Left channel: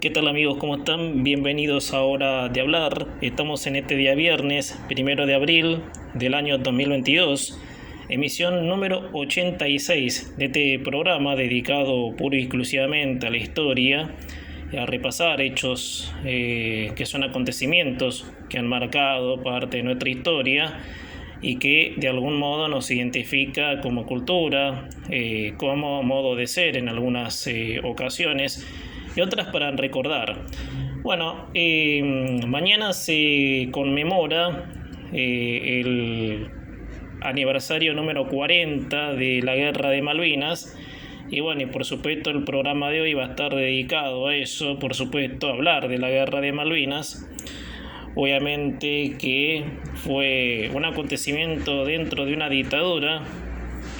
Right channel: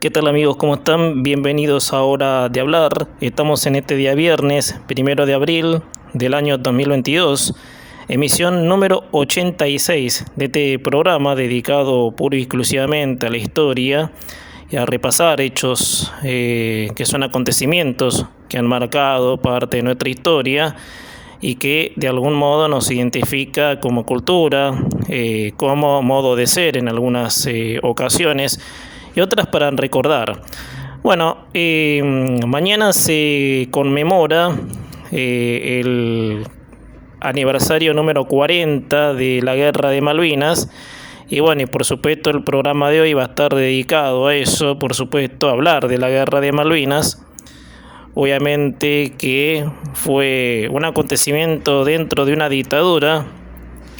¿Qué tal amigos? ¿Cómo están? Bienvenidos a Hora de Hablar. Estamos en este día viernes, 1 de abril del año 2022, emisión número 86 de este programa dedicado pura y exclusivamente a la historia y a repasar hechos que son acontecimientos que han marcado parte de nuestra historia y que de algún modo nos identifica como cultura, como modo de ser en algunas ocasiones y otras para recordar. Bueno, mañana se conmemora el aniversario número 40 de la Guerra de Malvinas. Y bueno, y por supuesto el programa de hoy va a estar dedicado a eso, por supuesto, a hablar de la Guerra de Malvinas. Obviamente que fue un acontecimiento dentro de una dictadura,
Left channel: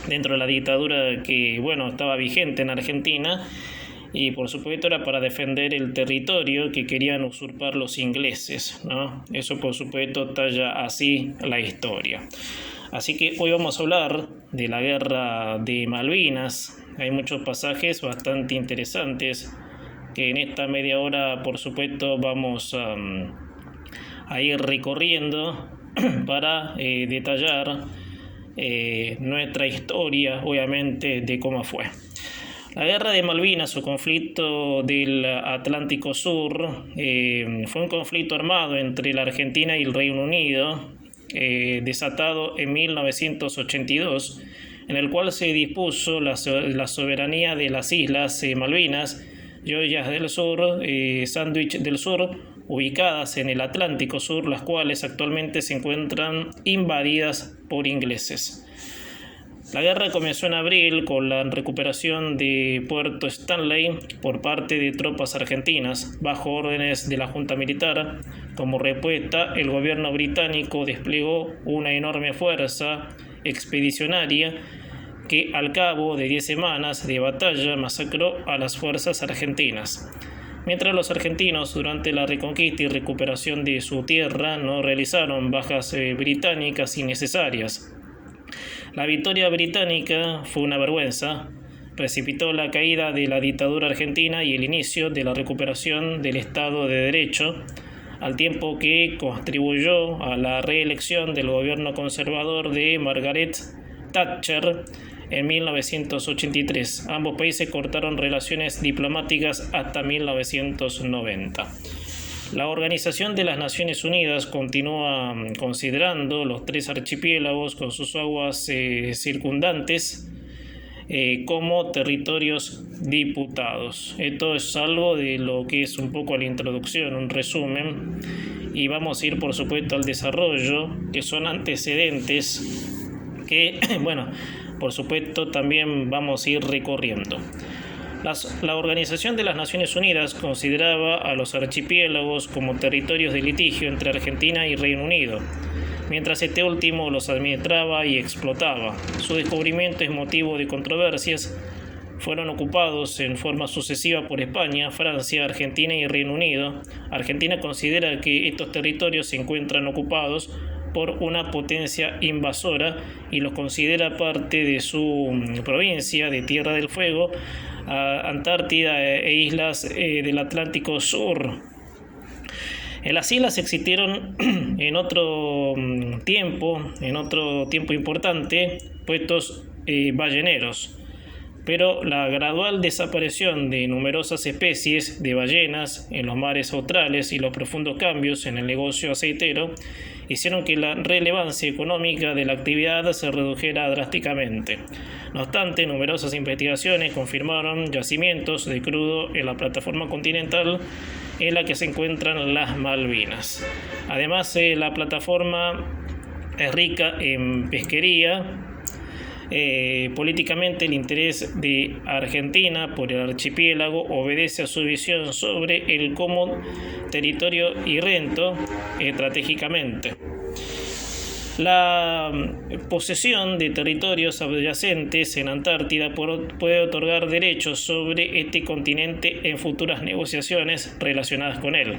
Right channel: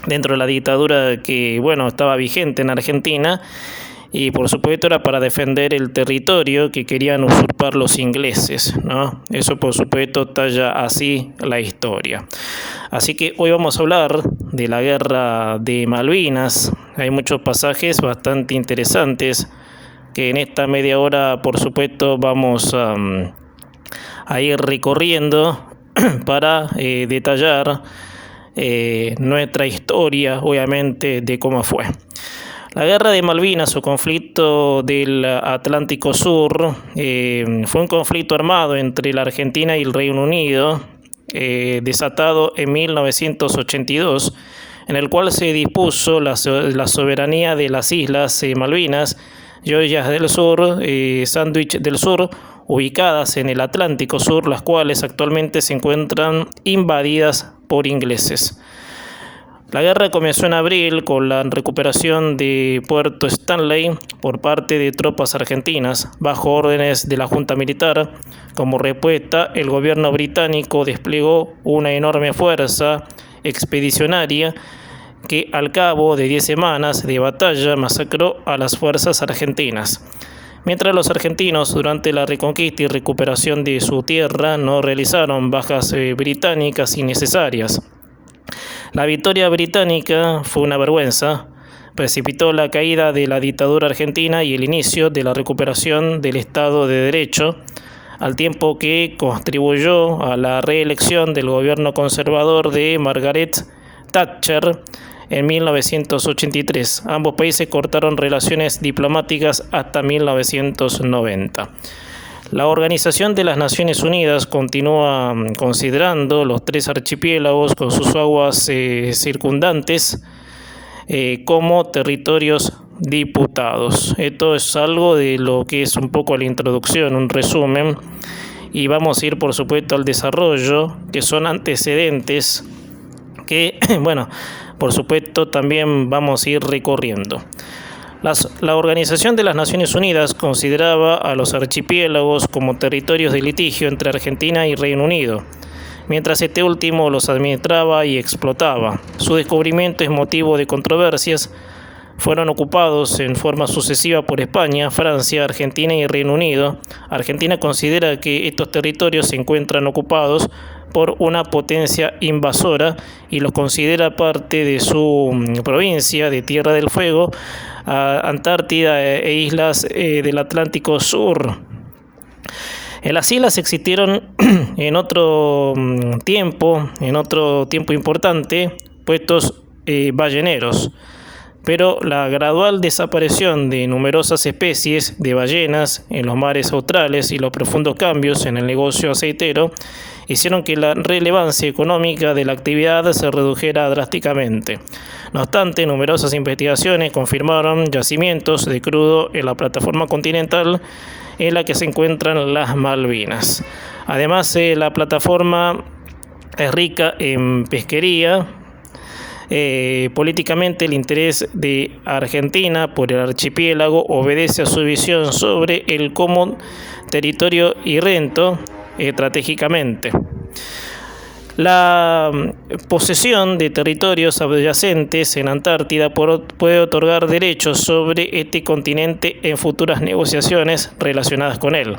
dentro de la dictadura que, bueno, estaba vigente en Argentina, y por supuesto era para defender el territorio que querían usurpar los ingleses, ¿no? Eso por supuesto talla así la historia. Así que hoy vamos a hablar de la Guerra de Malvinas. Hay muchos pasajes bastante interesantes que en esta media hora por supuesto vamos a ir recorriendo para detallar nuestra historia, obviamente, de cómo fue. La Guerra de Malvinas o conflicto del Atlántico Sur fue un conflicto armado entre la Argentina y el Reino Unido, desatado en 1982, en el cual se dispuso la soberanía de las islas Malvinas, Georgias del Sur, Sandwich del Sur, ubicadas en el Atlántico Sur, las cuales actualmente se encuentran invadidas por ingleses. La guerra comenzó en abril con la recuperación de Puerto Stanley por parte de tropas argentinas, bajo órdenes de la Junta Militar. Como respuesta, el gobierno británico desplegó una enorme fuerza expedicionaria que al cabo de 10 semanas de batalla masacró a las fuerzas argentinas. Mientras los argentinos, durante la reconquista y recuperación de su tierra, no realizaron bajas británicas innecesarias. La victoria británica fue una vergüenza, precipitó la caída de la dictadura argentina y el inicio de la recuperación del Estado de Derecho, al tiempo que contribuyó a la reelección del gobierno conservador de Margaret Thatcher en 1983. Ambos países cortaron relaciones diplomáticas hasta 1990. La Organización de las Naciones Unidas continúa considerando los 3 archipiélagos con sus aguas circundantes como territorios disputados. Esto es algo de lo que es un poco la introducción, un resumen, y vamos a ir por supuesto al desarrollo, que son antecedentes que, bueno, por supuesto también vamos a ir recorriendo. La Organización de las Naciones Unidas consideraba a los archipiélagos como territorios de litigio entre Argentina y Reino Unido, mientras este último los administraba y explotaba. Su descubrimiento es motivo de controversias. Fueron ocupados en forma sucesiva por España, Francia, Argentina y Reino Unido. Argentina considera que estos territorios se encuentran ocupados por una potencia invasora y los considera parte de su provincia de Tierra del Fuego, Antártida e islas del Atlántico Sur. Las islas existieron en otro tiempo importante, puestos balleneros, pero la gradual desaparición de numerosas especies de ballenas en los mares australes y los profundos cambios en el negocio aceitero hicieron que la relevancia económica de la actividad se redujera drásticamente. No obstante, numerosas investigaciones confirmaron yacimientos de crudo en la plataforma continental en la que se encuentran las Malvinas. Además, la plataforma es rica en pesquería. Políticamente, el interés de Argentina por el archipiélago obedece a su visión sobre el como territorio irrento estratégicamente. La posesión de territorios adyacentes en Antártida puede otorgar derechos sobre este continente en futuras negociaciones relacionadas con él.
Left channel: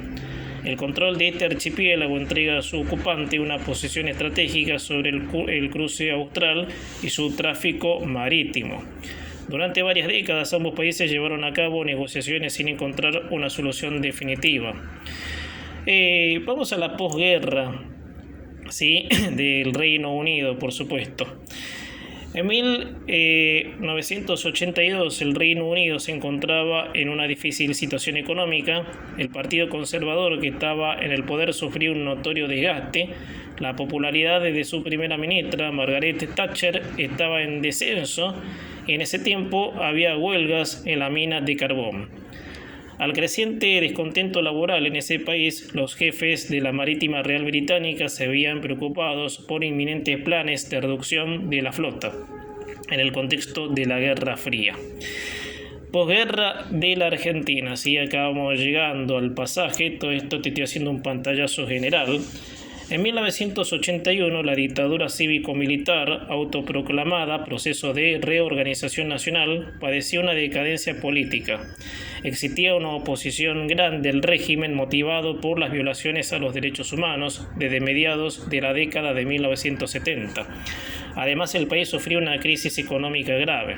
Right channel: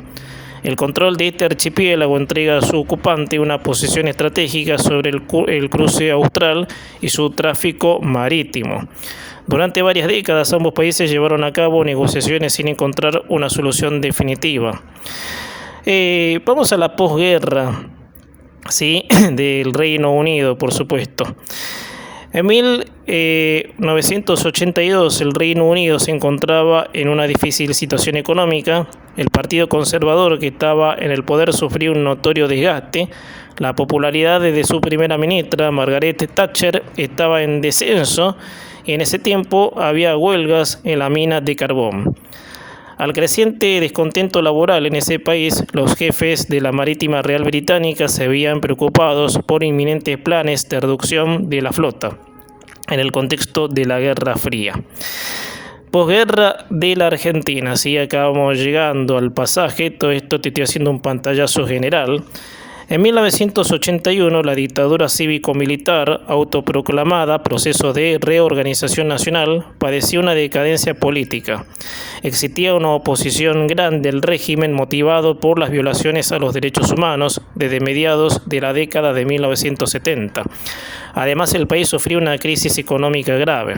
El control de este archipiélago entrega a su ocupante una posición estratégica sobre el cruce austral y su tráfico marítimo. Durante varias décadas ambos países llevaron a cabo negociaciones sin encontrar una solución definitiva. Vamos a la posguerra, ¿sí? Del Reino Unido, por supuesto. En 1982 el Reino Unido se encontraba en una difícil situación económica. El Partido Conservador que estaba en el poder sufrió un notorio desgaste. La popularidad de su primera ministra, Margaret Thatcher, estaba en descenso y en ese tiempo había huelgas en la mina de carbón. Al creciente descontento laboral en ese país, los jefes de la Marítima Real Británica se veían preocupados por inminentes planes de reducción de la flota en el contexto de la Guerra Fría. Posguerra de la Argentina, sí, acabamos llegando al pasaje, todo esto te estoy haciendo un pantallazo general. En 1981, la dictadura cívico-militar autoproclamada, proceso de reorganización nacional, padecía una decadencia política. Existía una oposición grande al régimen motivado por las violaciones a los derechos humanos desde mediados de la década de 1970. Además, el país sufrió una crisis económica grave.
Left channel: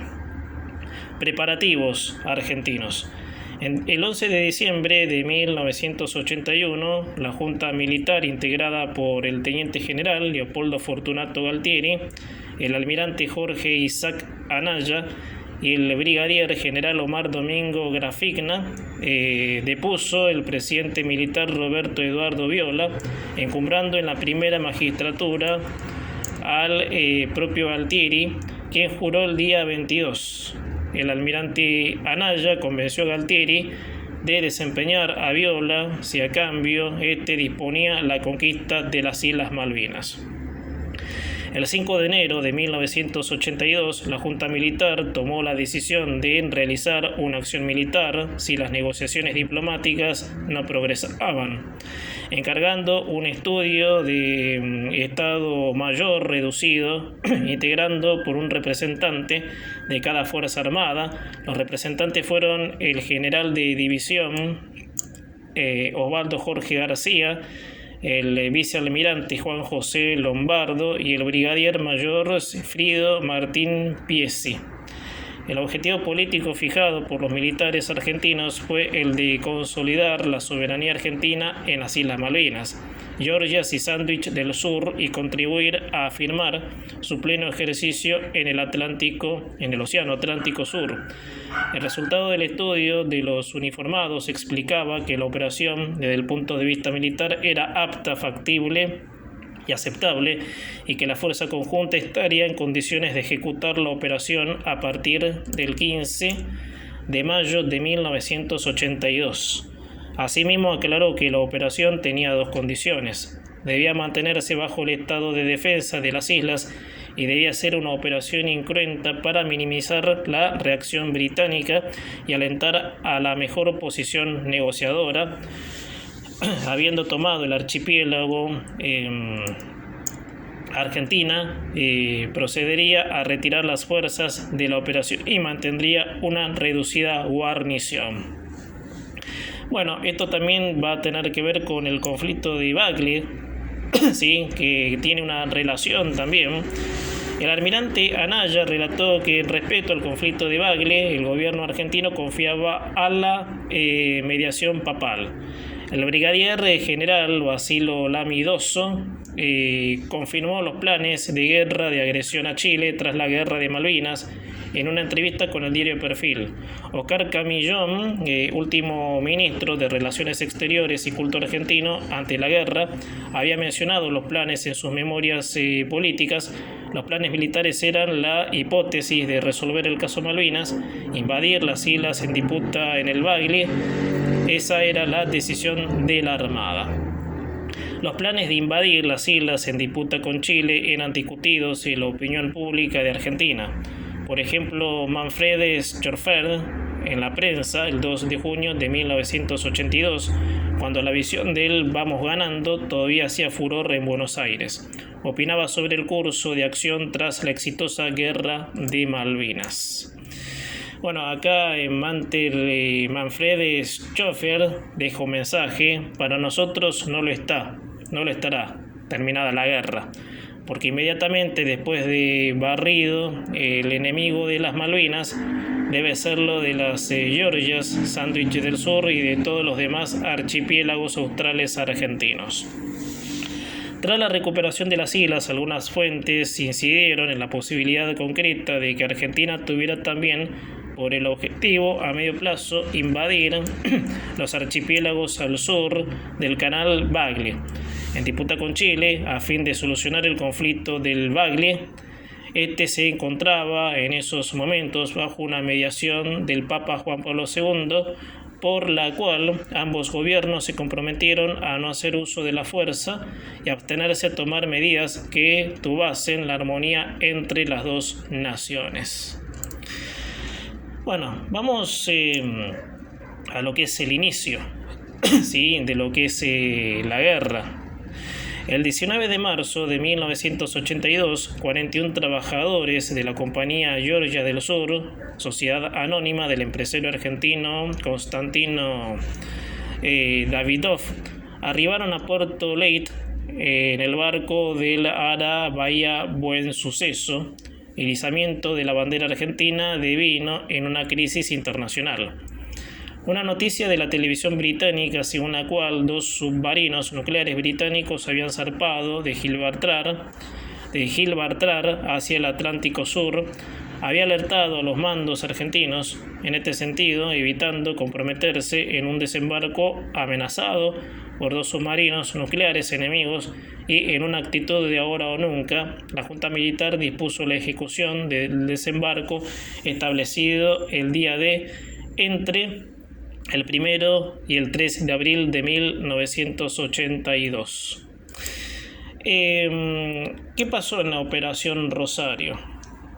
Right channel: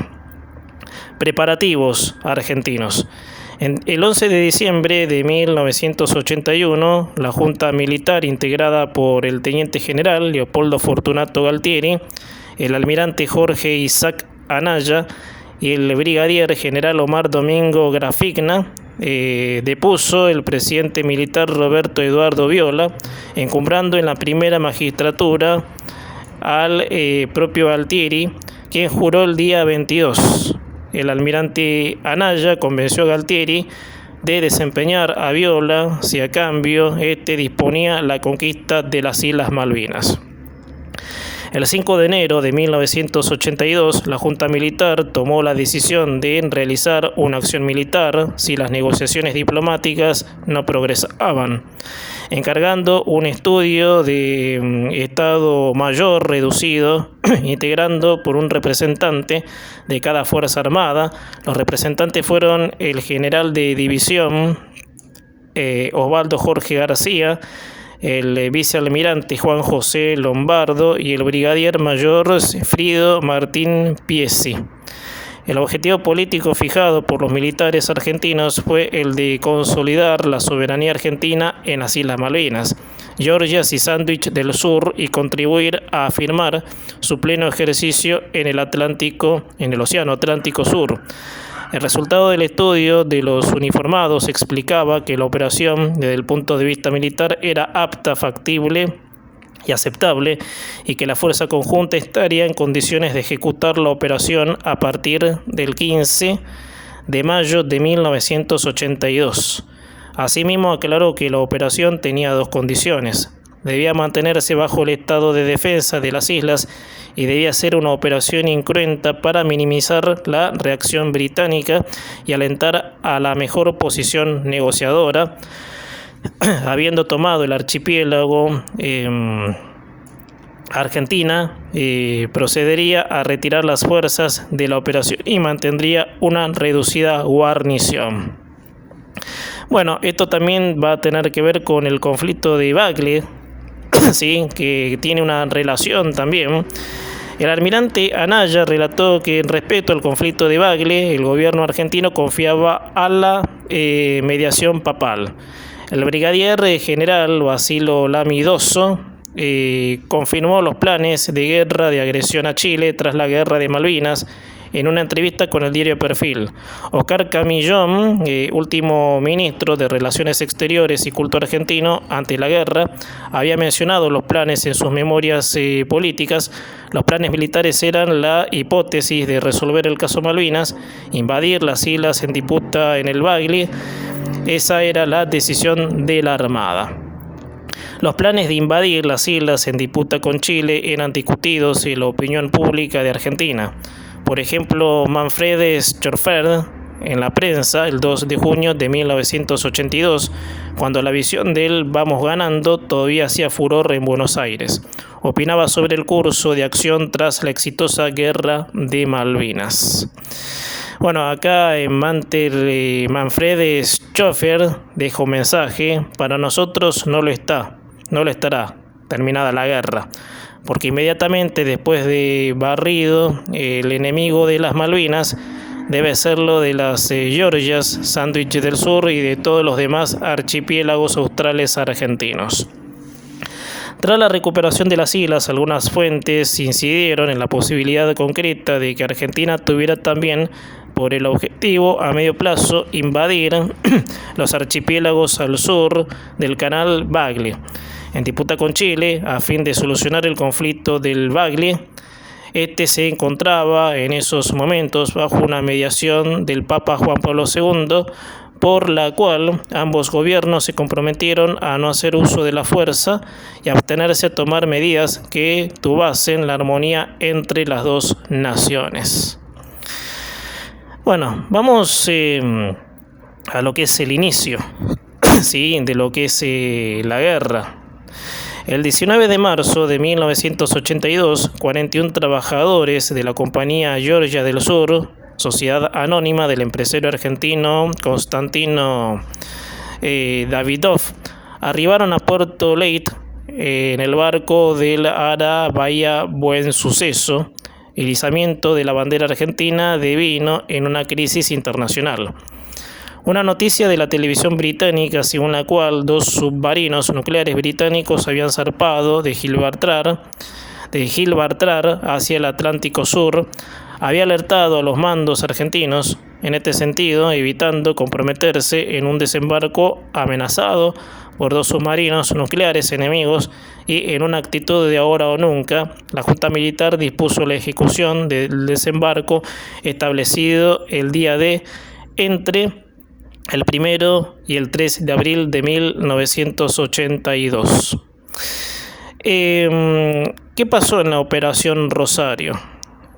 Preparativos argentinos. El 11 de diciembre de 1981, la Junta Militar integrada por el Teniente General Leopoldo Fortunato Galtieri, el Almirante Jorge Isaac Anaya y el Brigadier General Omar Domingo Grafigna depuso el presidente militar Roberto Eduardo Viola, encumbrando en la primera magistratura al propio Galtieri, quien juró el día 22. El almirante Anaya convenció a Galtieri de desempeñar a Viola si a cambio disponía la conquista de las Islas Malvinas. El 5 de enero de 1982, la Junta Militar tomó la decisión de realizar una acción militar si las negociaciones diplomáticas no progresaban, encargando un estudio de Estado Mayor reducido, integrando por un representante de cada Fuerza Armada. Los representantes fueron el general de división Osvaldo Jorge García, el vicealmirante Juan José Lombardo y el brigadier mayor Frido Martín Piesi. El objetivo político fijado por los militares argentinos fue el de consolidar la soberanía argentina en las Islas Malvinas, Georgias y Sándwich del Sur y contribuir a afirmar su pleno ejercicio en el Océano Atlántico Sur. El resultado del estudio de los uniformados explicaba que la operación, desde el punto de vista militar, era apta, factible y aceptable, y que la fuerza conjunta estaría en condiciones de ejecutar la operación a partir del 15 de mayo de 1982. Asimismo, aclaró que la operación tenía dos condiciones: debía mantenerse bajo el estado de defensa de las islas y debía ser una operación incruenta para minimizar la reacción británica y alentar a la mejor posición negociadora. Habiendo tomado el archipiélago, Argentina procedería a retirar las fuerzas de la operación y mantendría una reducida guarnición. Bueno, esto también va a tener que ver con el conflicto de Bagle, ¿sí? Que tiene una relación también. El almirante Anaya relató que respecto al conflicto de Bagle, el gobierno argentino confiaba a la mediación papal. El brigadier general Basilio Lamidoso confirmó los planes de guerra de agresión a Chile tras la guerra de Malvinas en una entrevista con el diario Perfil. Oscar Camillón, último ministro de Relaciones Exteriores y Culto argentino ante la guerra, había mencionado los planes en sus memorias políticas. Los planes militares eran la hipótesis de resolver el caso Malvinas, invadir las islas en disputa en el Bagle. Esa era la decisión de la Armada. Los planes de invadir las islas en disputa con Chile eran discutidos en la opinión pública de Argentina. Por ejemplo, Manfred Schorfer en la prensa el 2 de junio de 1982, cuando la visión del "vamos ganando" todavía hacía furor en Buenos Aires, opinaba sobre el curso de acción tras la exitosa guerra de Malvinas. Bueno, acá en Manfred Schorfer dejó un mensaje: para nosotros no lo estará terminada la guerra, porque inmediatamente después de barrido el enemigo de las Malvinas debe serlo de las Georgias, Sándwich del Sur y de todos los demás archipiélagos australes argentinos. Tras la recuperación de las islas, algunas fuentes incidieron en la posibilidad concreta de que Argentina tuviera también por el objetivo a medio plazo invadir los archipiélagos al sur del canal Bagle, en disputa con Chile, a fin de solucionar el conflicto del Bagle. Este se encontraba en esos momentos bajo una mediación del Papa Juan Pablo II, por la cual ambos gobiernos se comprometieron a no hacer uso de la fuerza y a abstenerse a tomar medidas que turbasen la armonía entre las dos naciones. Bueno, vamos a lo que es el inicio, ¿sí?, de lo que es la guerra. El 19 de marzo de 1982, 41 trabajadores de la compañía Georgia del Sur, sociedad anónima del empresario argentino Constantino Davidov, arribaron a Puerto Leyte en el barco del ARA Bahía Buen Suceso, el izamiento de la bandera argentina devino en una crisis internacional. Una noticia de la televisión británica según la cual 2 submarinos nucleares británicos habían zarpado de Gibraltar hacia el Atlántico Sur había alertado a los mandos argentinos en este sentido, evitando comprometerse en un desembarco amenazado por 2 submarinos nucleares enemigos, y en una actitud de ahora o nunca, la Junta Militar dispuso la ejecución del desembarco establecido el día D entre el 1 y el 3 de abril de 1982. ¿Qué pasó en la Operación Rosario?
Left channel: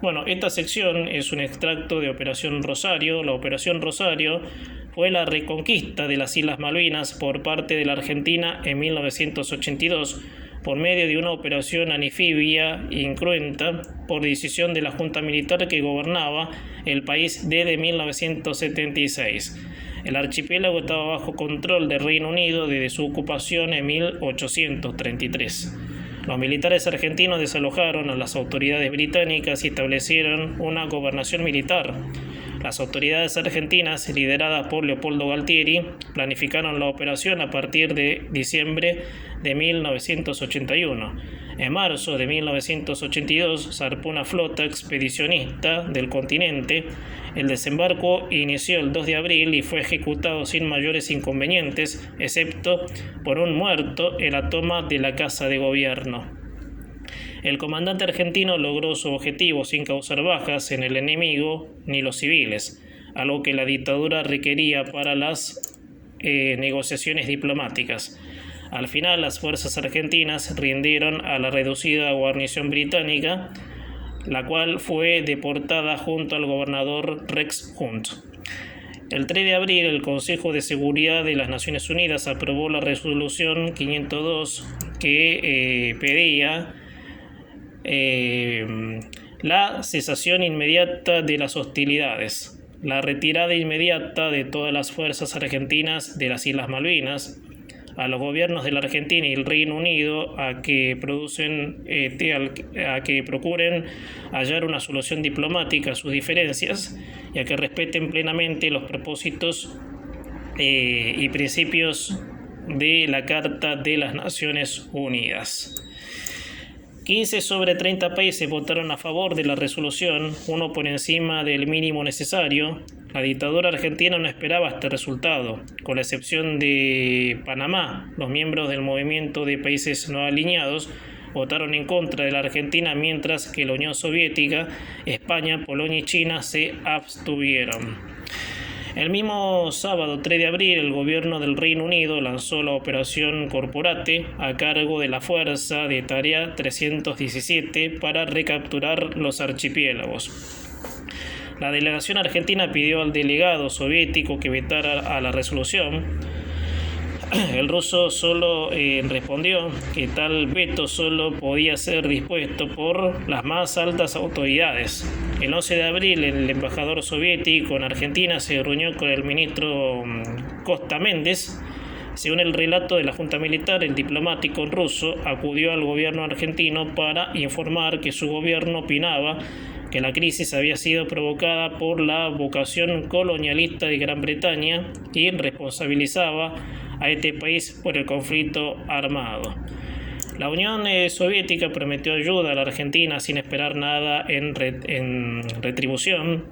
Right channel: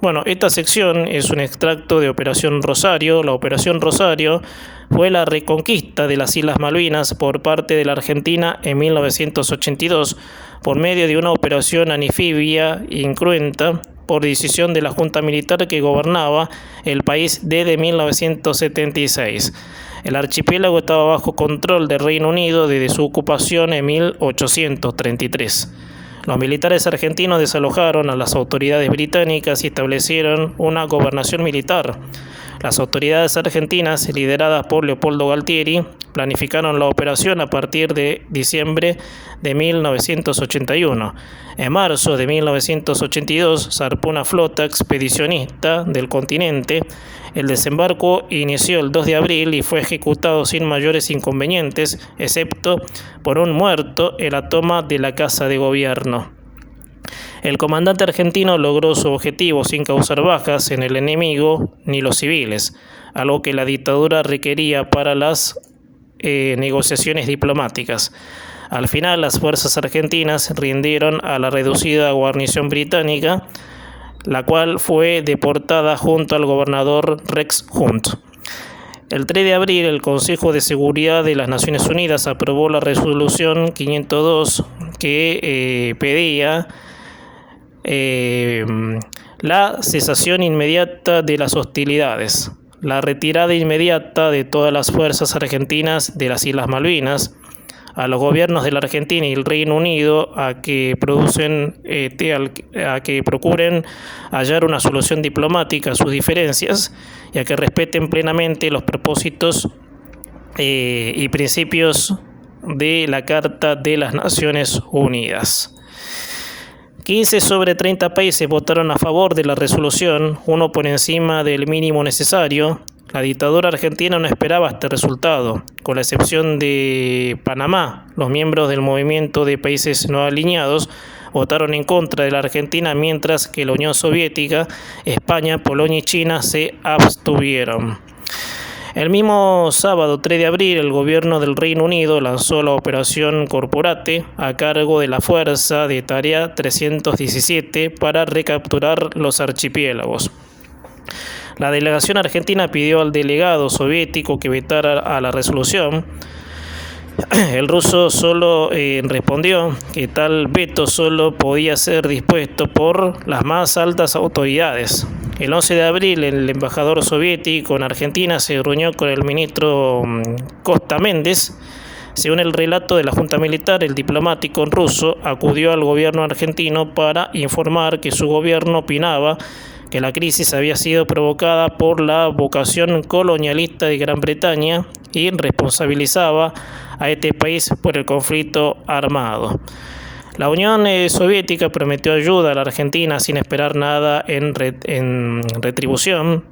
Bueno, esta sección es un extracto de Operación Rosario. La Operación Rosario fue la reconquista de las Islas Malvinas por parte de la Argentina en 1982 por medio de una operación anfibia incruenta por decisión de la Junta Militar que gobernaba el país desde 1976. El archipiélago estaba bajo control del Reino Unido desde su ocupación en 1833. Los militares argentinos desalojaron a las autoridades británicas y establecieron una gobernación militar. Las autoridades argentinas, lideradas por Leopoldo Galtieri, planificaron la operación a partir de diciembre de 1981. En marzo de 1982 zarpó una flota expedicionista del continente. El desembarco inició el 2 de abril y fue ejecutado sin mayores inconvenientes, excepto por un muerto en la toma de la Casa de Gobierno. El comandante argentino logró su objetivo sin causar bajas en el enemigo ni los civiles, algo que la dictadura requería para las negociaciones diplomáticas. Al final, las fuerzas argentinas rindieron a la reducida guarnición británica, la cual fue deportada junto al gobernador Rex Hunt. El 3 de abril, el Consejo de Seguridad de las Naciones Unidas aprobó la resolución 502 que pedía la cesación inmediata de las hostilidades, la retirada inmediata de todas las fuerzas argentinas de las Islas Malvinas, a los gobiernos de la Argentina y el Reino Unido a que procuren hallar una solución diplomática a sus diferencias y a que respeten plenamente los propósitos y principios de la Carta de las Naciones Unidas. 15 sobre 30 países votaron a favor de la resolución, uno por encima del mínimo necesario. La dictadura argentina no esperaba este resultado, con la excepción de Panamá. Los miembros del movimiento de países no alineados votaron en contra de la Argentina, mientras que la Unión Soviética, España, Polonia y China se abstuvieron. El mismo sábado 3 de abril, el gobierno del Reino Unido lanzó la Operación Corporate a cargo de la Fuerza de Tarea 317 para recapturar los archipiélagos. La delegación argentina pidió al delegado soviético que vetara a la resolución. El ruso solo respondió que tal veto solo podía ser dispuesto por las más altas autoridades. El 11 de abril, el embajador soviético en Argentina se reunió con el ministro Costa Méndez. Según el relato de la Junta Militar, el diplomático ruso acudió al gobierno argentino para informar que su gobierno opinaba que que la crisis había sido provocada por la vocación colonialista de Gran Bretaña y responsabilizaba a este país por el conflicto armado. La Unión Soviética prometió ayuda a la Argentina sin esperar nada en retribución,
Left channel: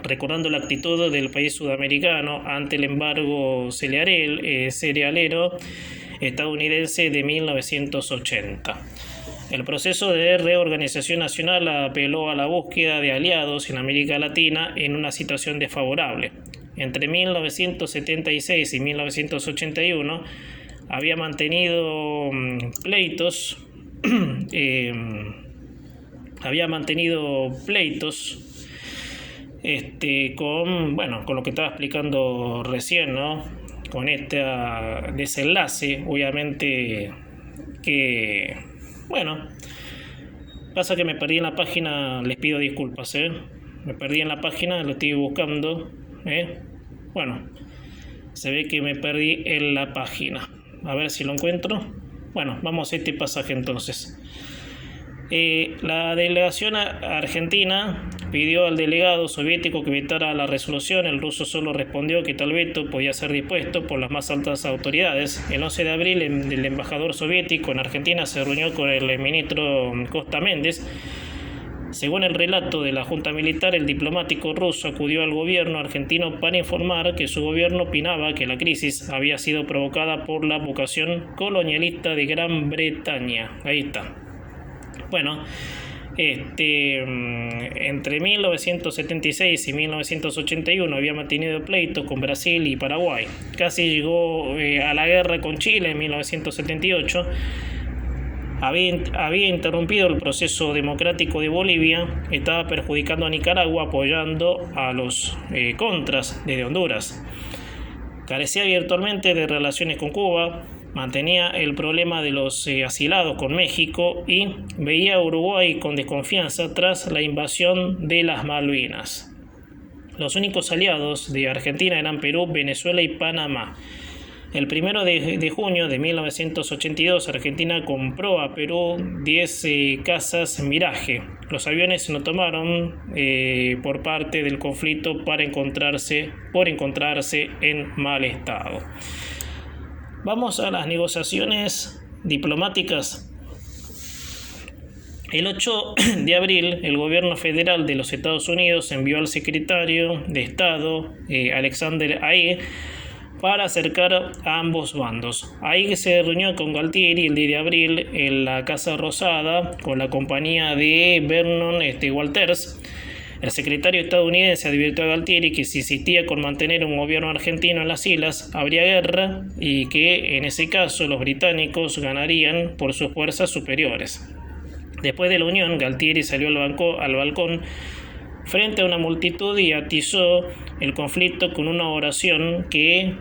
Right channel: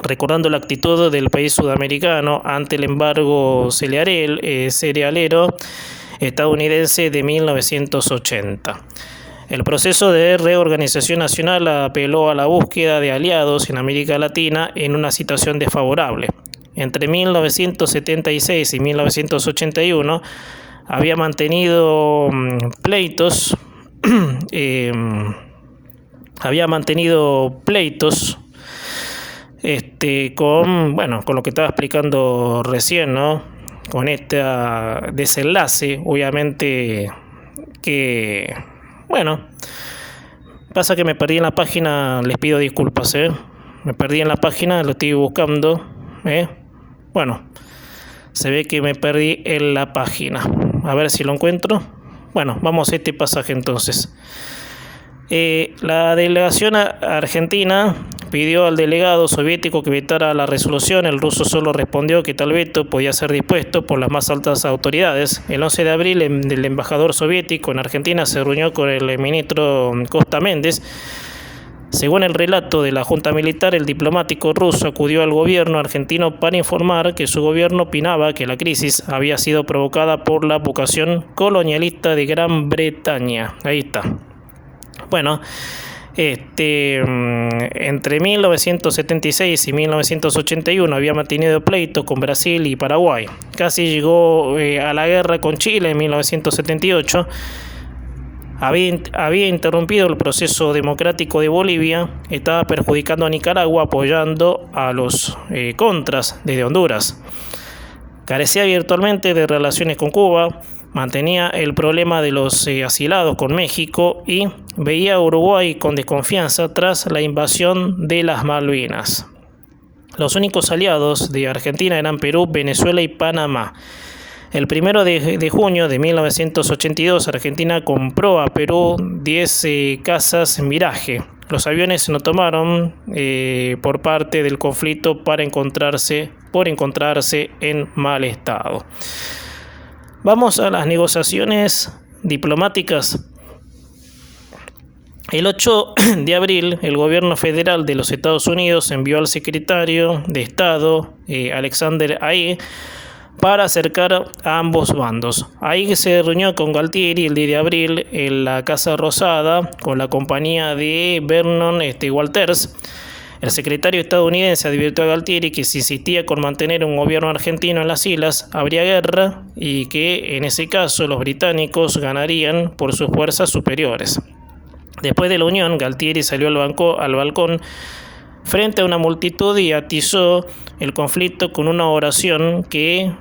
recordando la actitud del país sudamericano ante el embargo cerealero estadounidense de 1980. El proceso de reorganización nacional apeló a la búsqueda de aliados en América Latina en una situación desfavorable. Entre 1976 y 1981 había mantenido pleitos con lo que estaba explicando recién, ¿no? Con este desenlace, obviamente que, pasa que me perdí en la página, les pido disculpas, me perdí en la página, lo estoy buscando, se ve que me perdí en la página, a ver si lo encuentro. Vamos a este pasaje entonces. La delegación argentina pidió al delegado soviético que vetara la resolución. El ruso solo respondió que tal veto podía ser dispuesto por las más altas autoridades. El 11 de abril el embajador soviético en Argentina se reunió con el ministro Costa Méndez. Según el relato de la Junta Militar, el diplomático ruso acudió al gobierno argentino para informar que su gobierno opinaba que la crisis había sido provocada por la vocación colonialista de Gran Bretaña. Ahí está. Entre 1976 y 1981 había mantenido pleito con Brasil y Paraguay. Casi llegó a la guerra con Chile en 1978. Había interrumpido el proceso democrático de Bolivia. Estaba perjudicando a Nicaragua, apoyando a los contras desde Honduras. Carecía virtualmente de relaciones con Cuba. Mantenía el problema de los asilados con México y veía a Uruguay con desconfianza tras la invasión de las Malvinas. Los únicos aliados de Argentina eran Perú, Venezuela y Panamá. El 1 de junio de 1982, Argentina compró a Perú 10 cazas Mirage. Los aviones no tomaron por parte del conflicto por encontrarse en mal estado. Vamos a las negociaciones diplomáticas. El 8 de abril, el gobierno federal de los Estados Unidos envió al secretario de Estado, Alexander Haig, para acercar a ambos bandos. Haig se reunió con Galtieri el 10 de abril en la Casa Rosada con la compañía de Vernon Walters. El secretario estadounidense advirtió a Galtieri que si insistía con mantener un gobierno argentino en las islas, habría guerra y que en ese caso los británicos ganarían por sus fuerzas superiores. Después de la unión, Galtieri salió al balcón frente a una multitud y atizó el conflicto con una oración que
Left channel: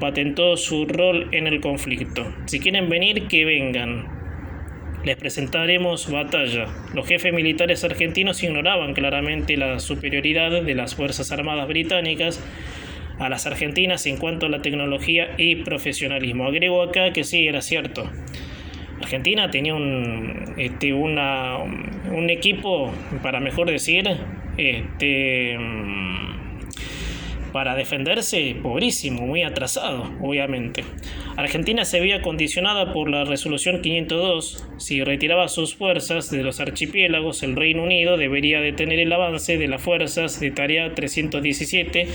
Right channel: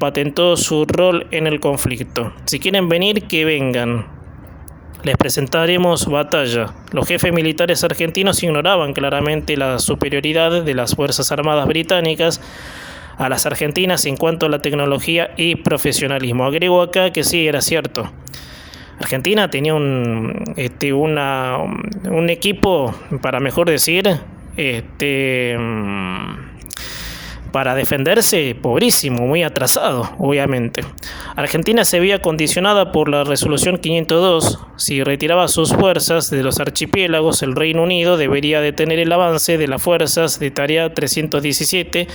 patentó su rol en el conflicto. Si quieren venir, que vengan. Les presentaremos batalla. Los jefes militares argentinos ignoraban claramente la superioridad de las Fuerzas Armadas británicas a las argentinas en cuanto a la tecnología y profesionalismo. Agrego acá que sí, era cierto. Argentina tenía un equipo, para mejor decir, para defenderse, pobrísimo, muy atrasado, obviamente. Argentina se veía condicionada por la resolución 502. Si retiraba sus fuerzas de los archipiélagos, el Reino Unido debería detener el avance de las fuerzas de Tarea 317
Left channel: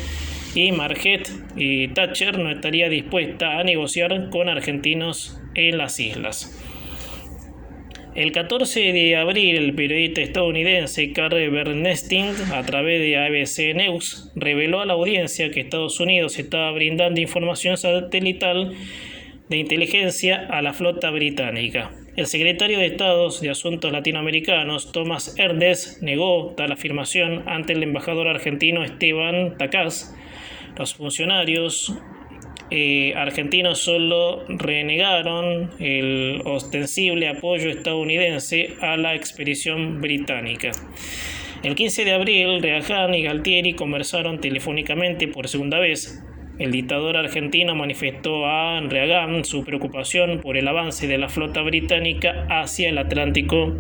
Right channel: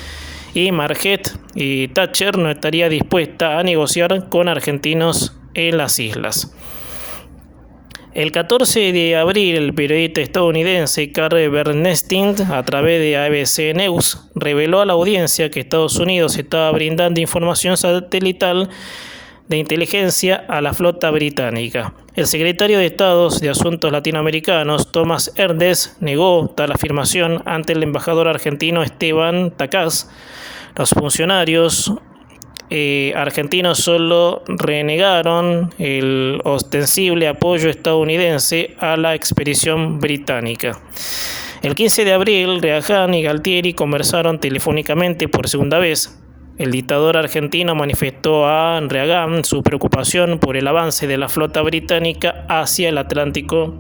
y Marquette y Thatcher no estaría dispuesta a negociar con argentinos en las islas. El 14 de abril, el periodista estadounidense Carl Bernstein, a través de ABC News, reveló a la audiencia que Estados Unidos estaba brindando información satelital de inteligencia a la flota británica. El secretario de Estado de Asuntos Latinoamericanos, Thomas Ernest, negó tal afirmación ante el embajador argentino Esteban Tacaz. Los funcionarios argentinos solo renegaron el ostensible apoyo estadounidense a la expedición británica. El 15 de abril, Reagan y Galtieri conversaron telefónicamente por segunda vez. El dictador argentino manifestó a Reagan su preocupación por el avance de la flota británica hacia el Atlántico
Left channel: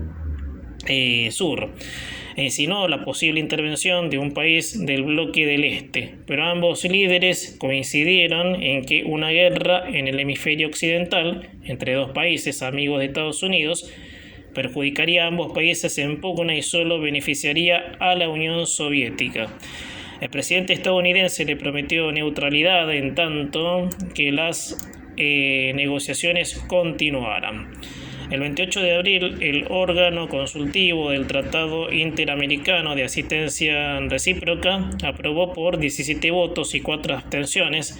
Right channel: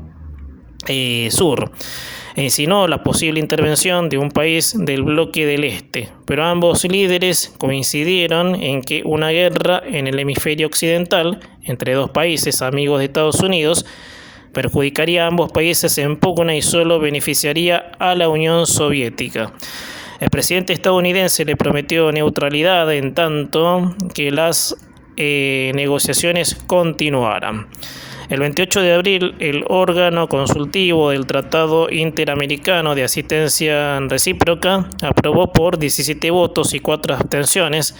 Sur. e insinuó la posible intervención de un país del bloque del Este, pero ambos líderes coincidieron en que una guerra en el hemisferio occidental entre dos países amigos de Estados Unidos perjudicaría a ambos países en pugna y solo beneficiaría a la Unión Soviética. El presidente estadounidense le prometió neutralidad en tanto que las negociaciones continuaran. El 28 de abril, el órgano consultivo del Tratado Interamericano de Asistencia Recíproca aprobó por 17 votos y 4 abstenciones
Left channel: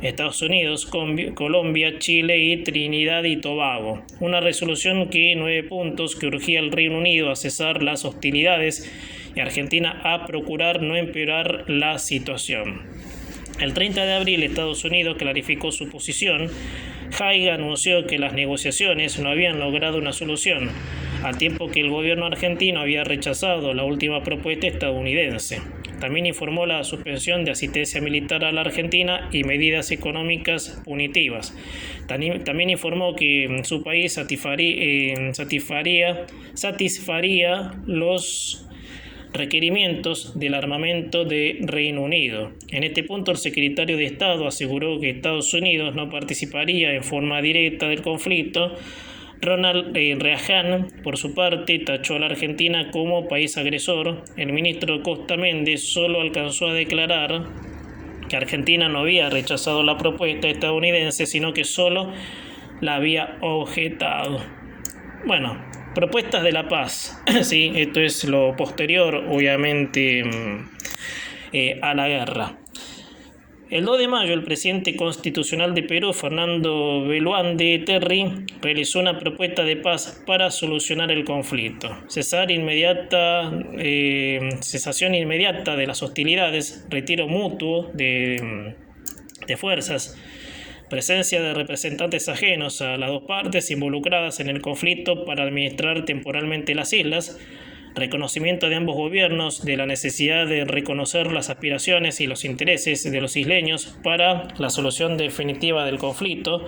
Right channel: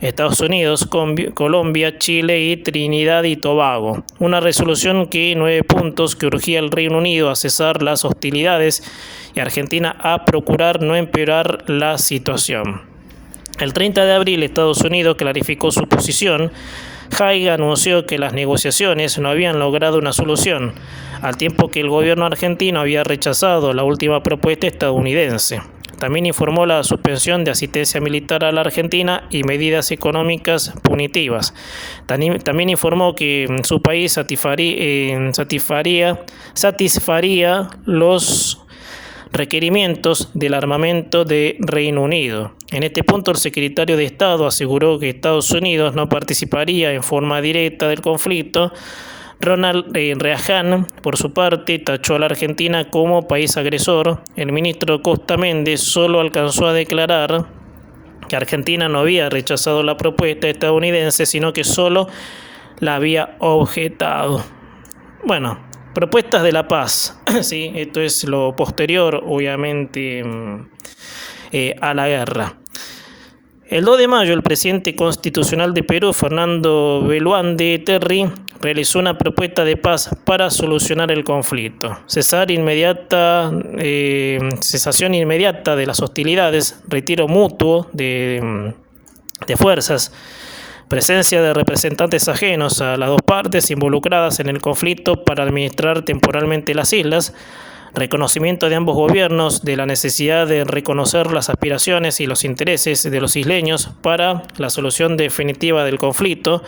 Estados Unidos, Colombia, Chile y Trinidad y Tobago, una resolución que 9 puntos que urgía al Reino Unido a cesar las hostilidades y Argentina a procurar no empeorar la situación. El 30 de abril, Estados Unidos clarificó su posición. Haig anunció que las negociaciones no habían logrado una solución, al tiempo que el gobierno argentino había rechazado la última propuesta estadounidense. También informó la suspensión de asistencia militar a la Argentina y medidas económicas punitivas. También informó que su país satisfaría los requerimientos del armamento de Reino Unido. En este punto, el secretario de Estado aseguró que Estados Unidos no participaría en forma directa del conflicto. Ronald Reagan, por su parte, tachó a la Argentina como país agresor. El ministro Costa Méndez solo alcanzó a declarar que Argentina no había rechazado la propuesta estadounidense, sino que solo la había objetado. Bueno, propuestas de la paz. Sí, esto es lo posterior, obviamente, a la guerra. El 2 de mayo, el presidente constitucional de Perú, Fernando Belaúnde Terry, realizó una propuesta de paz para solucionar el conflicto. Cesación inmediata de las hostilidades, retiro mutuo de fuerzas, presencia de representantes ajenos a las dos partes involucradas en el conflicto para administrar temporalmente las islas, reconocimiento de ambos gobiernos de la necesidad de reconocer las aspiraciones y los intereses de los isleños para la solución definitiva del conflicto,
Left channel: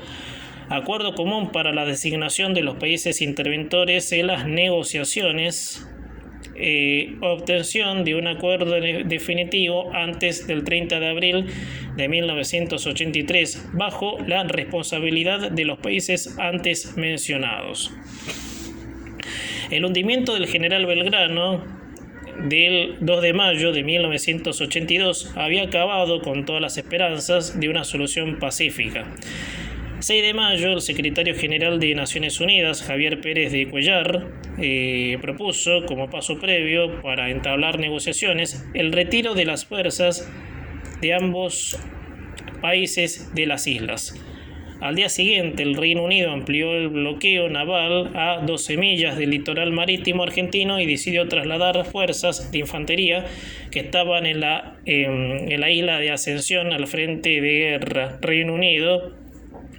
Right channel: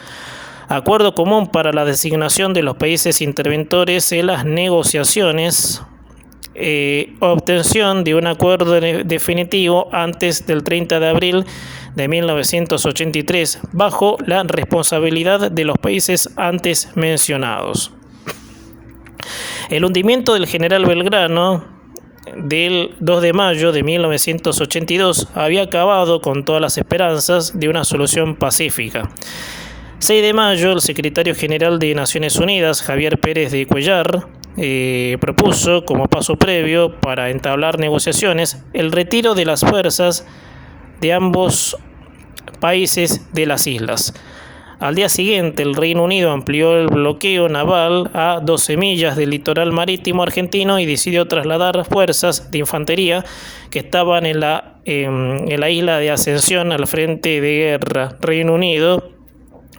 acuerdo común para la designación de los países interventores en las negociaciones, obtención de un acuerdo definitivo antes del 30 de abril de 1983 bajo la responsabilidad de los países antes mencionados. El hundimiento del general Belgrano del 2 de mayo de 1982 había acabado con todas las esperanzas de una solución pacífica. 6 de mayo, el secretario general de Naciones Unidas, Javier Pérez de Cuellar, propuso como paso previo para entablar negociaciones el retiro de las fuerzas de ambos países de las islas. Al día siguiente, el Reino Unido amplió el bloqueo naval a 12 millas del litoral marítimo argentino y decidió trasladar fuerzas de infantería que estaban en la isla de Ascensión al frente de guerra. Reino Unido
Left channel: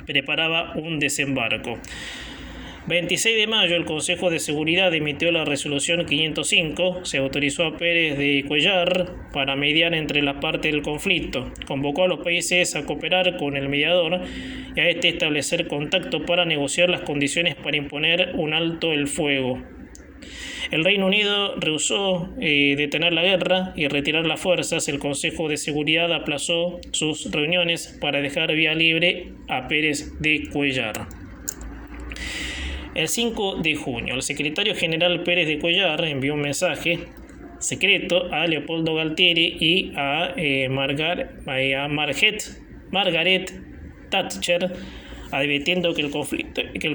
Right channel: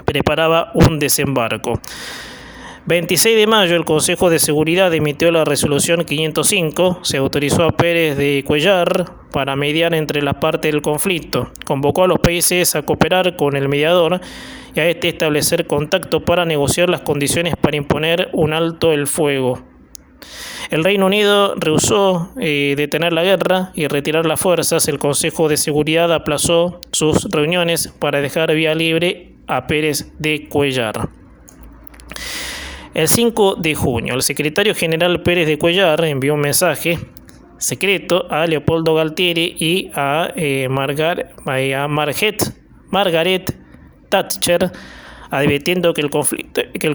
preparaba un desembarco. 26 de mayo, el Consejo de Seguridad emitió la resolución 505. Se autorizó a Pérez de Cuellar para mediar entre las partes del conflicto. Convocó a los países a cooperar con el mediador y a establecer contacto para negociar las condiciones para imponer un alto el fuego. El Reino Unido rehusó detener la guerra y retirar las fuerzas. El Consejo de Seguridad aplazó sus reuniones para dejar vía libre a Pérez de Cuellar. El 5 de junio, el secretario general Pérez de Cuellar envió un mensaje secreto a Leopoldo Galtieri y a Margaret Thatcher, advirtiendo que el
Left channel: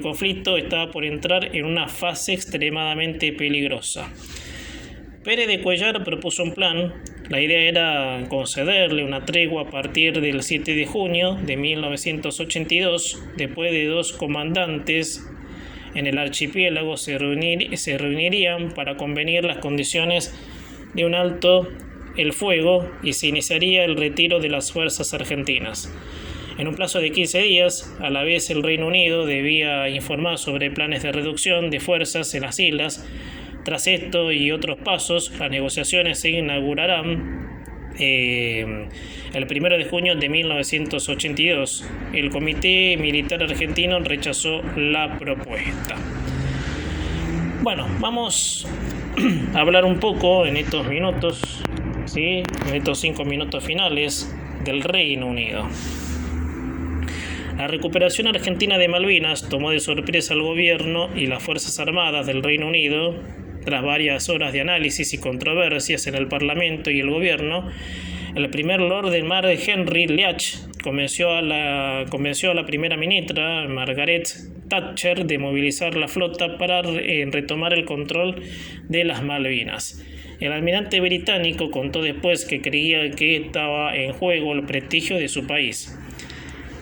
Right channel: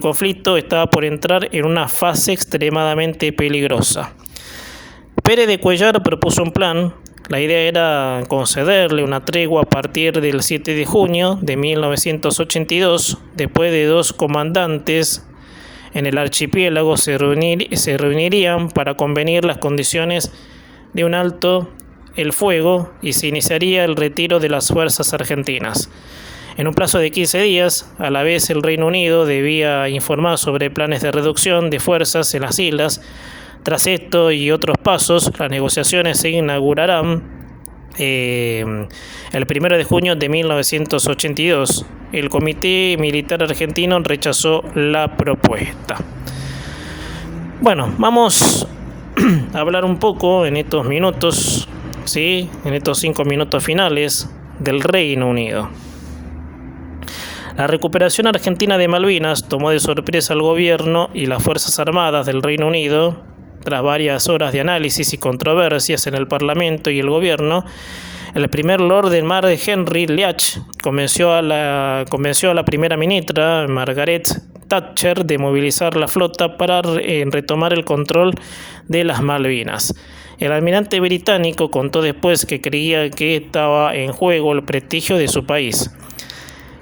conflicto estaba por entrar en una fase extremadamente peligrosa. Pérez de Cuellar propuso un plan. La idea era concederle una tregua a partir del 7 de junio de 1982, después de 2 comandantes en el archipiélago se reunirían para convenir las condiciones de un alto el fuego y se iniciaría el retiro de las fuerzas argentinas. En un plazo de 15 días, a la vez el Reino Unido debía informar sobre planes de reducción de fuerzas en las islas. Tras esto y otros pasos, las negociaciones se inaugurarán el 1 de junio de 1982. El Comité Militar Argentino rechazó la propuesta. Bueno, vamos hablar un poco en estos minutos, ¿sí? En estos 5 minutos finales del Reino Unido. La recuperación argentina de Malvinas tomó de sorpresa al gobierno y las Fuerzas Armadas del Reino Unido. Tras varias horas de análisis y controversias en el Parlamento y el gobierno, el primer Lord del Mar, Henry Leach, convenció a la primera ministra, Margaret Thatcher, de movilizar la flota para retomar el control de las Malvinas. El almirante británico contó después que creía que estaba en juego el prestigio de su país.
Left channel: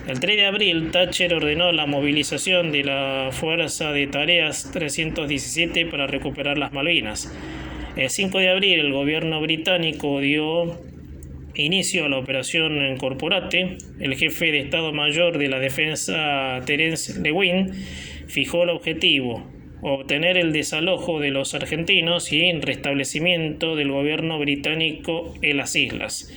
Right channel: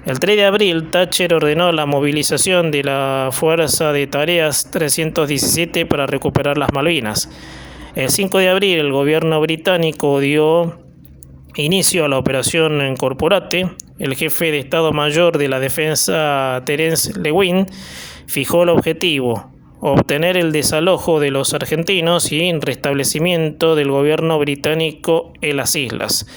El 3 de abril, Thatcher ordenó la movilización de la Fuerza de Tareas 317 para recuperar las Malvinas. El 5 de abril, el gobierno británico dio inicio a la operación Corporate. El jefe de Estado Mayor de la Defensa, Terence Lewin, fijó el objetivo: obtener el desalojo de los argentinos y el restablecimiento del gobierno británico en las islas.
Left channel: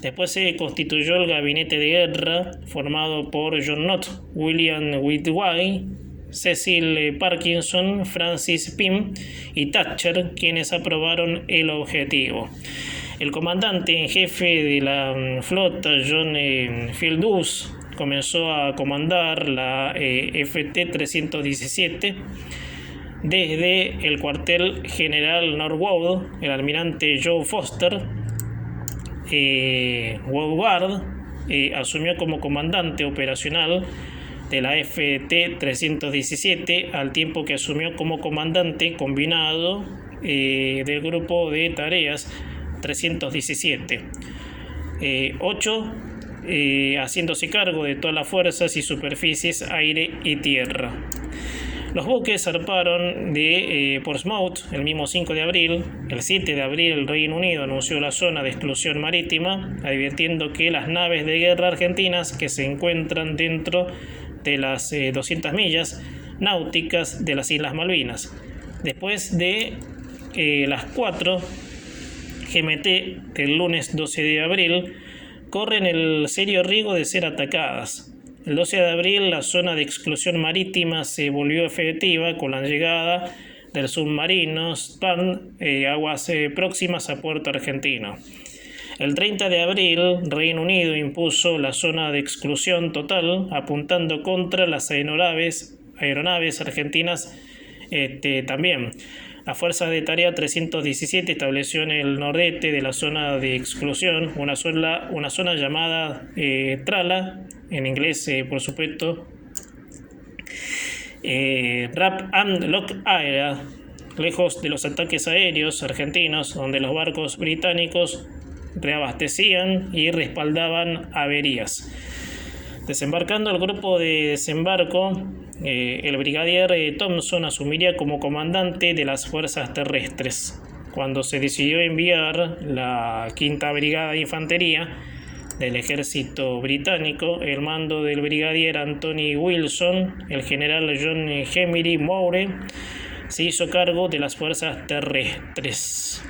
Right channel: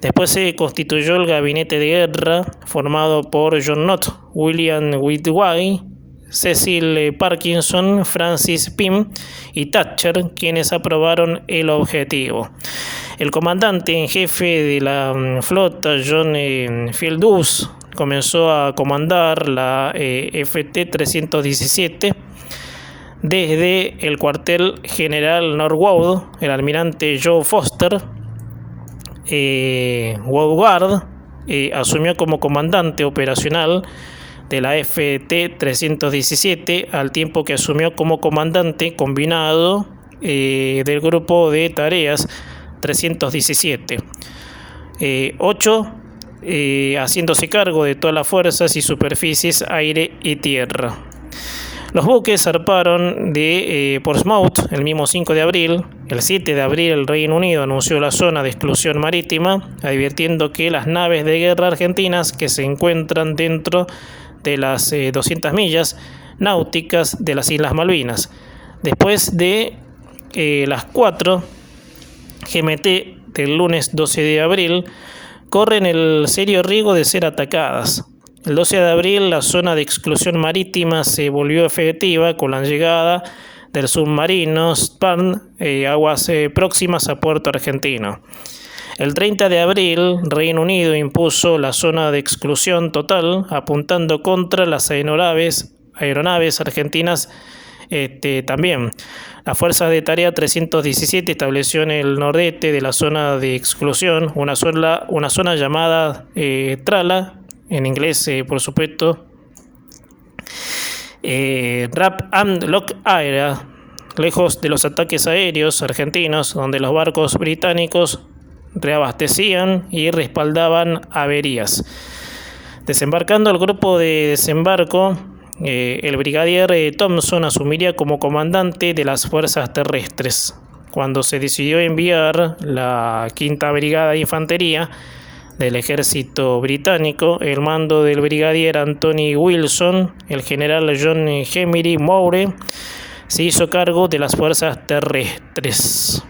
Después se constituyó el gabinete de guerra, formado por John Nott, William Whitway, Cecil Parkinson, Francis Pym y Thatcher, quienes aprobaron el objetivo. El comandante en jefe de la flota, John Fieldus, comenzó a comandar la FT-317 desde el cuartel general Norwood. El almirante Joe Foster Woodward asumió como comandante operacional de la FT-317, al tiempo que asumió como comandante combinado del grupo de tareas 317. 8 haciéndose cargo de todas las fuerzas y superficies, aire y tierra. Los buques zarparon de Portsmouth el mismo 5 de abril. El 7 de abril el Reino Unido anunció la zona de exclusión marítima, advirtiendo que las naves de guerra argentinas que se encuentran dentro de las 200 millas náuticas de las Islas Malvinas. Después de las 4 GMT del lunes 12 de abril, corren el serio riesgo de ser atacadas. El 12 de abril la zona de exclusión marítima se volvió efectiva con la llegada del submarino Sparn aguas próximas a Puerto Argentino. El 30 de abril Reino Unido impuso la zona de exclusión total, apuntando contra las aeronaves argentinas también. La Fuerza de Tarea 317 estableció en el nordeste de la zona de exclusión una zona llamada Trala, en inglés, por supuesto, Wrap and Lock Area, lejos de los ataques aéreos argentinos, donde los barcos británicos reabastecían y respaldaban averías. Desembarcando el grupo de desembarco, el brigadier Thompson asumiría como comandante de las fuerzas terrestres. Cuando se decidió enviar la 5ª Brigada de Infantería del ejército británico, el mando del brigadier Anthony Wilson, el general John Emery Moore se hizo cargo de las fuerzas terrestres.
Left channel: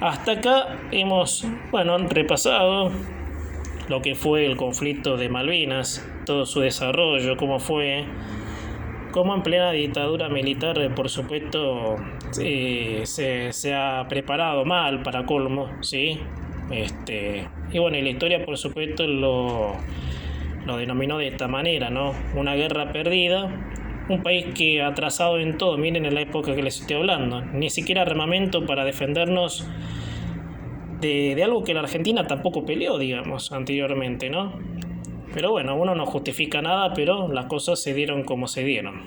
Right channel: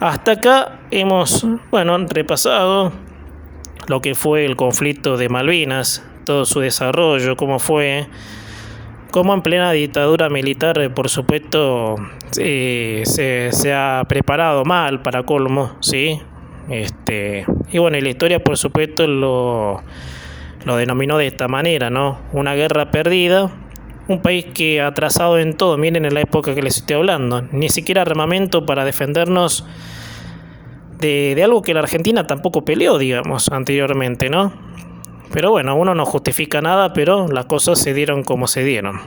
Hasta acá hemos repasado lo que fue el conflicto de Malvinas, todo su desarrollo, cómo en plena dictadura militar, por supuesto, se ha preparado mal para colmo, ¿sí? Y bueno, la historia, por supuesto, lo denominó de esta manera, ¿no? Una guerra perdida, un país que atrasado en todo. Miren en la época que les estoy hablando, ni siquiera armamento para defendernos de algo que la Argentina tampoco peleó, digamos, anteriormente, ¿no? Pero bueno, uno no justifica nada, pero las cosas se dieron como se dieron.